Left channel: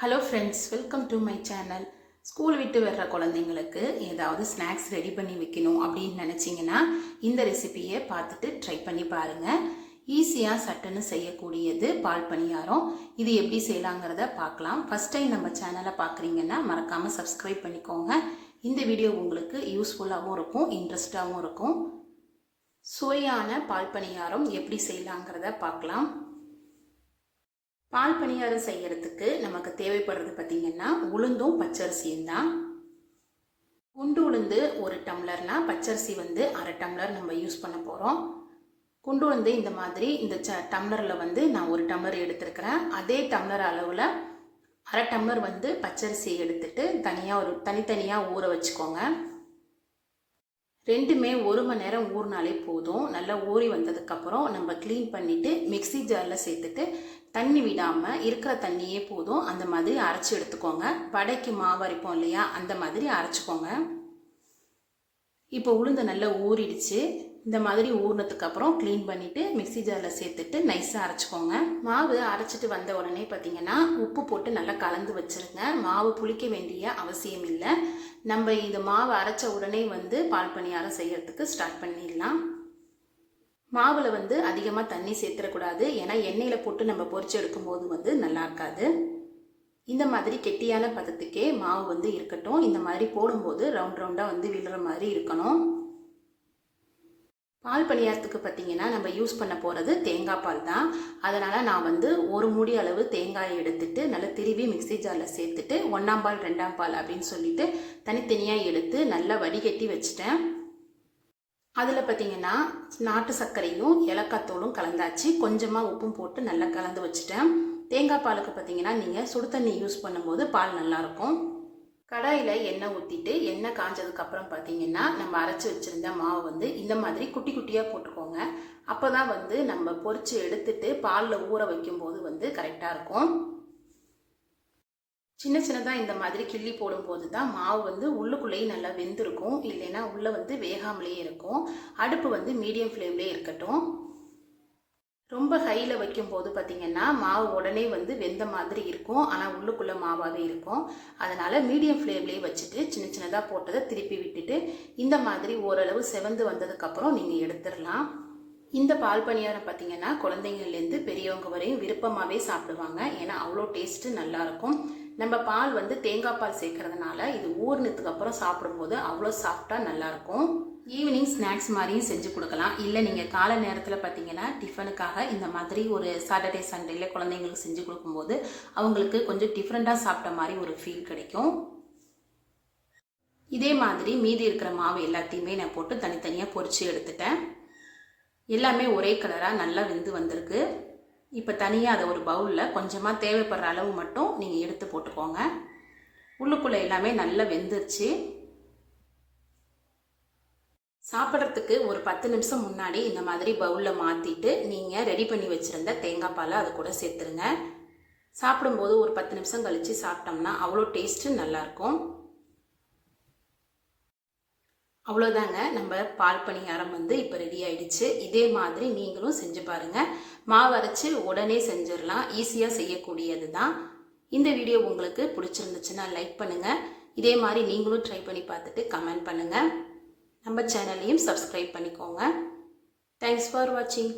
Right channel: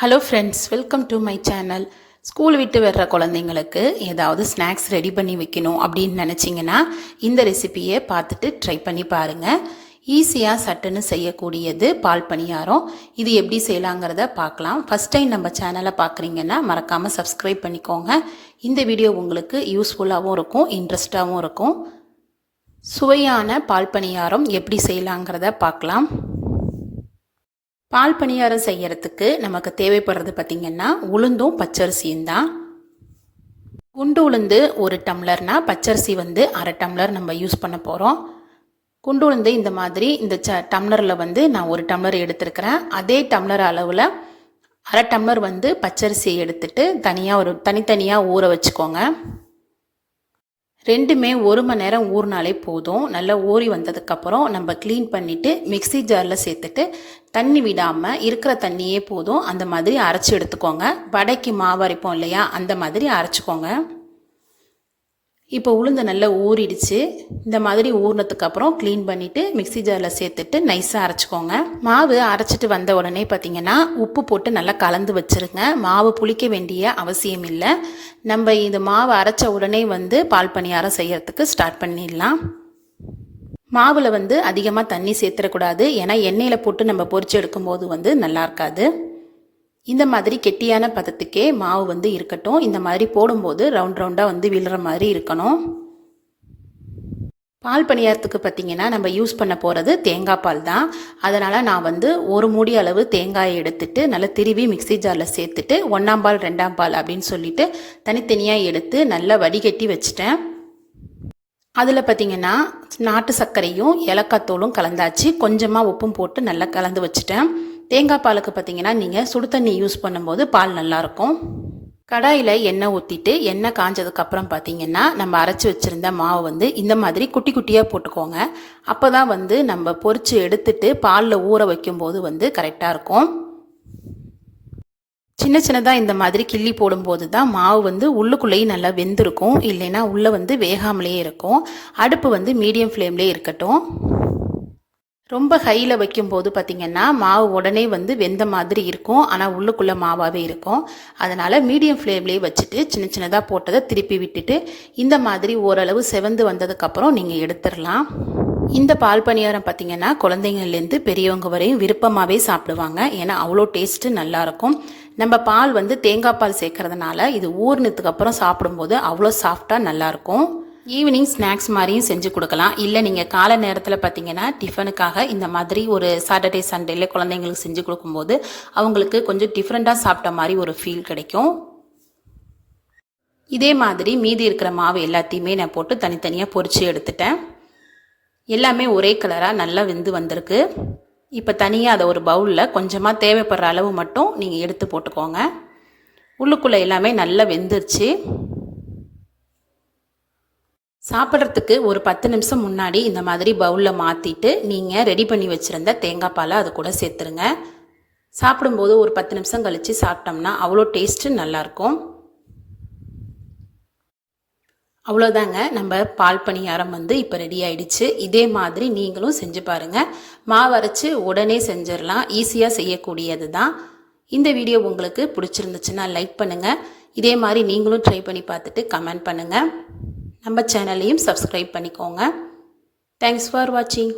Hello friends welcome to my channel school விட்டு வர்ற குழந்தைங்களுக்கு ஏதாவது ஸ்நாக்ஸ் ரெடி பண்ணி வைக்கணும் அப்படின்னு நினச்சிங்கன்னா இந்த ரெசிபியை பார்த்துட்டு ட்ரை பண்ணி பாருங்கள் ஈஸியாக சட்டுன்னு செய்யக்கூடியது பால் பணியாரம். இது எப்படி செய்யலாங்கிறத பார்க்கலாம். ஃபஸ்ட் டைம் நம்ம சேனலை பார்க்குறீங்கன்னா மறக்காமல் சப்ஸ்கிரைப் பண்ணிக்கோங்க. இந்த வீடியோ உங்களுக்கு யூஸ்ஃபுல்லாகவும் இருக்கும் இன்ட்ரெஸ்டாகவும் இருக்கும். சுவையான பால் பணியாரம் எப்படி செய்யலாங்கிறத பார்க்கலாம். பால் பணியாரம் செய்யறதுக்கு நமக்கு தேவைப்படுறது பார்த்திங்கன்னா உளுந்தும் பச்சரிசியும் தான். குண்டு உளுந்து ஒரு டம்ளர்னா பச்சரிசி வந்து அரை டம்ளர் நம்ம யூஸ் பண்ண போகிறோம் குண்டு உளுந்து இந்த மாதிரி இந்த ச டம்ளரில் வந்து நான் ஒரு டம்ளர் எடுத்திருக்கிறேன். அதே டம்ளர் அளவில் அரை டம்ளர் வந்து பச்சரிசியை எடுத்துட்டு தனியாக ஒரு தனித்தனியாக ஊற வச்சுக்கோங்க. ரெண்டுமே ஒரு மணி நேரம் ஊறினாலே போதும். நல்லா ஊறி வந்ததுக்கப்புறம் நம்ம க்ளீன் பண்ணிவிட்டு மிக்ஸி ஜாரில் சேர்த்துட்டு தண்ணி விடாமல் இருக்கிற தண்ணியே போதும். அந்த மாதிரி அரைச்சி எடுத்துக்கோங்க. வடைக்கு மாவு அரைப்போம் இல்லையா? அந்த மாதிரி அரைச்சிக்கோங்க. இப்போ உளுந்து நல்லா ஊறிடுச்சு. இந்த மாதிரி ஊறினதுக்கப்புறம் க்ளீன் பண்ணிவிட்டு மிக்ஸி ஜாரில் சேர்த்துட்டு நைஸாக அரைச்சிக்கோங்க. மாவு அரைச்சிட்டு வந்த உடனே பார்த்தீங்கன்னா உப்பு போட்டு நல்லா கலந்து வச்சுருங்க. மாவு புளிக்க வேண்டிய அவசியம் இல்லை. நம்ம இந்த மாவு அரைச்ச உடனே வந்து பால் பணியாரம் செய்கிறதுக்கு ஸ்டார்ட் பண்ணிடலாம். மாவில் வந்து அதிகமாக தண்ணி சேர்த்துடக்கூடாது. ஏன்னா எண்ணெயில் போட்டு நம்ம பொறிச்சு எடுக்கும்போது வந்து நல்லா இருக்காது. இந்த மாதிரி கெட்டியான பதத்துக்கே மாவு வந்து இருக்கட்டும். இந்த மாதிரி போடும்போது ரவுண்ட் ரவுண்டாக வந்து விழுற மாதிரி இருக்கணும். பால் பணியாரத்துக்கு பார்த்திங்கன்னா நம்ம யூஸ் பண்ண போகிறது தேங்காய் பால் தான். அதனால் நான் வந்து ஒரு மூடி அளவு தேங்காயை எடுத்துட்டு நல்லா திருவி மிக்ஸி ஜாரில் சேர்த்துட்டு ஒன்றாம் பால் ரெண்டாம் பால் அப்படின்னு சொல்லிட்டு தனித்தனியாக எடுத்து நல்லா வடிகட்டி வச்சிட்டேன். அதில் பார்த்திங்கன்னா நாட்டு சர்க்கரையும் ஏலக்காய் தோலும் கலந்தாச்சு. கொஞ்சமாக உப்பும் போட்டு நல்லா கலந்து வச்சுட்டேன். தேங்காய் பாலுக்கு பார்த்தீங்கன்னா நீங்கள் சுடு தண்ணி யூஸ் பண்ணும்போது பால் நல்லாயிருக்கும். கடாயில் எண்ணெய் ஊற்றிட்டு எண்ணெய் காஞ்சதுக்கப்புறம் பார்த்தீங்கன்னா நம்ம அரைச்சி வச்சுருந்த மாவு வந்து இந்த மாதிரி குட்டி குட்டியாக போட்டுக்கோங்க. அப்போ தான் வந்து நம்ம பொறிச்சு எடுத்துட்டு பாலில் ஊற வைக்கும்போது வந்து கரெக்டாக இருக்கும். சின்ன சின்னதாக இந்த மாதிரி கிள்ளி போடும்போது தான் மாவு வந்து உள்ளுக்குள்ளேயும் நல்லா வெந்திருக்கும். இல்லைன்னா உள்ளே வந்து வேகாமலேயே இருக்கும். அடுப்பு வந்து மீடியம் ஃப்ளேம்லேயே இருக்கட்டும். ரொம்ப ஹையில் வைக்கும்போது பார்த்திங்கன்னா மாவு உடனே வந்து வெந்த மாதிரி இருக்கும். ஆனால் உள்ளுக்குள்ளே மாவாகவே இருக்கும். அதனால் மீடியம் ஃப்ளேம்லேயே வச்சுட்டு சின்ன சின்னதாக போட்டதை திருப்பி விட்டுட்டு இந்த மாதிரி ஓரளவு செவந்து வந்ததுக்கப்புறம் நீங்கள் எடுத்துடலாம். இந்த பால் பணியாரம் பார்த்திங்கன்னா குழந்தைங்கள்லேருந்து பெரியவங்க வரையும் விருப்பமாகவே சாப்பிடுவாங்க. ஏன்னா அவ்வளோ டேஸ்ட்டு நல்லாயிருக்கும் நம்ம பால் வந்து தேங்காய் பால் சேர்க்கறதுனால இது ஊறினதுக்கு அப்புறம் சாப்பிடும்போது அவ்வளோ சாஃப்டாக நல்லாயிருக்கும் ஈவினிங் ஸ்நாக்ஸ் மாதிரியும் செஞ்சு கொடுக்கலாம். இல்லை நீங்கள் காலை நேரத்தில் பார்த்தீங்கன்னா டிஃபனுக்காக இந்த மாதிரி ஒரு சாட்டர்டே சண்டேல குழந்தைங்களுக்கு செஞ்சு கொடுக்கும்போது அவங்களுக்கு கொஞ்சம் டிஃப்ரெண்ட்டாக சாப்பிட்ட மாதிரி ஒரு ஃபீல் கிடைக்கும். இதே மாதிரி மீதி இருக்கிற மாவு எல்லாத்தையுமே நான் போட்டு தனித்தனியாக பொறிச்சு எடுத்துட்டேன். எல்லாமே ஒரே கலராக நல்லா வெந்து வந்திருக்கு. இப்போ தனியாக அதை ஒரு பவுலில் கொஞ்சமாக தேவைப்படுற அளவு மட்டும் நீங்கள் எடுத்து போட்டுக்கோங்க. உள்ளுக்குள்ளே எல்லாமே நல்லா வெந்துருச்சு. சாப்பிட்றதுக்கு ஒரு பத்து நிமிஷம் முன்னாடி இந்த மாதிரி பவுலில் மாற்றிட்டு நீங்கள் ரெடி பண்ணி வச்சுருந்த தேங்காய் பாலை அது கூட சேர்த்துருங்க. சாப்பிடும்போது ஒரு பத்து நிமிஷம் கழித்து சாப்பிட்டோம்னா அவ்வளோ டேஸ்ட்டு நல்லாயிருக்கும் அவ்வளோதாங்க. நம்ம பால் பணியாரம் வந்து இப்போ ரெடி ஆயிடுச்சு. இதே மாதிரி நீங்களும் செஞ்சு பாருங்கள் மாவு அரைச்சி உடனே செஞ்சிடலாம். ஈஸியாக செய்யக்கூடியது தான். இந்த வீடியோ உங்களுக்கு பிடிச்சிருந்துச்சுன்னா லைக் பண்ணுங்கள் இதே மாதிரி நீங்களும் ட்ரை பண்ணி பார்த்துட்டு கமெண்ட் பண்ணுங்கள் நம்ம சேனலையும் சப்ஸ்கிரைப் பண்ணிக்கோங்க. தேங்க்ஸ் ஃபார் வாட்சிங்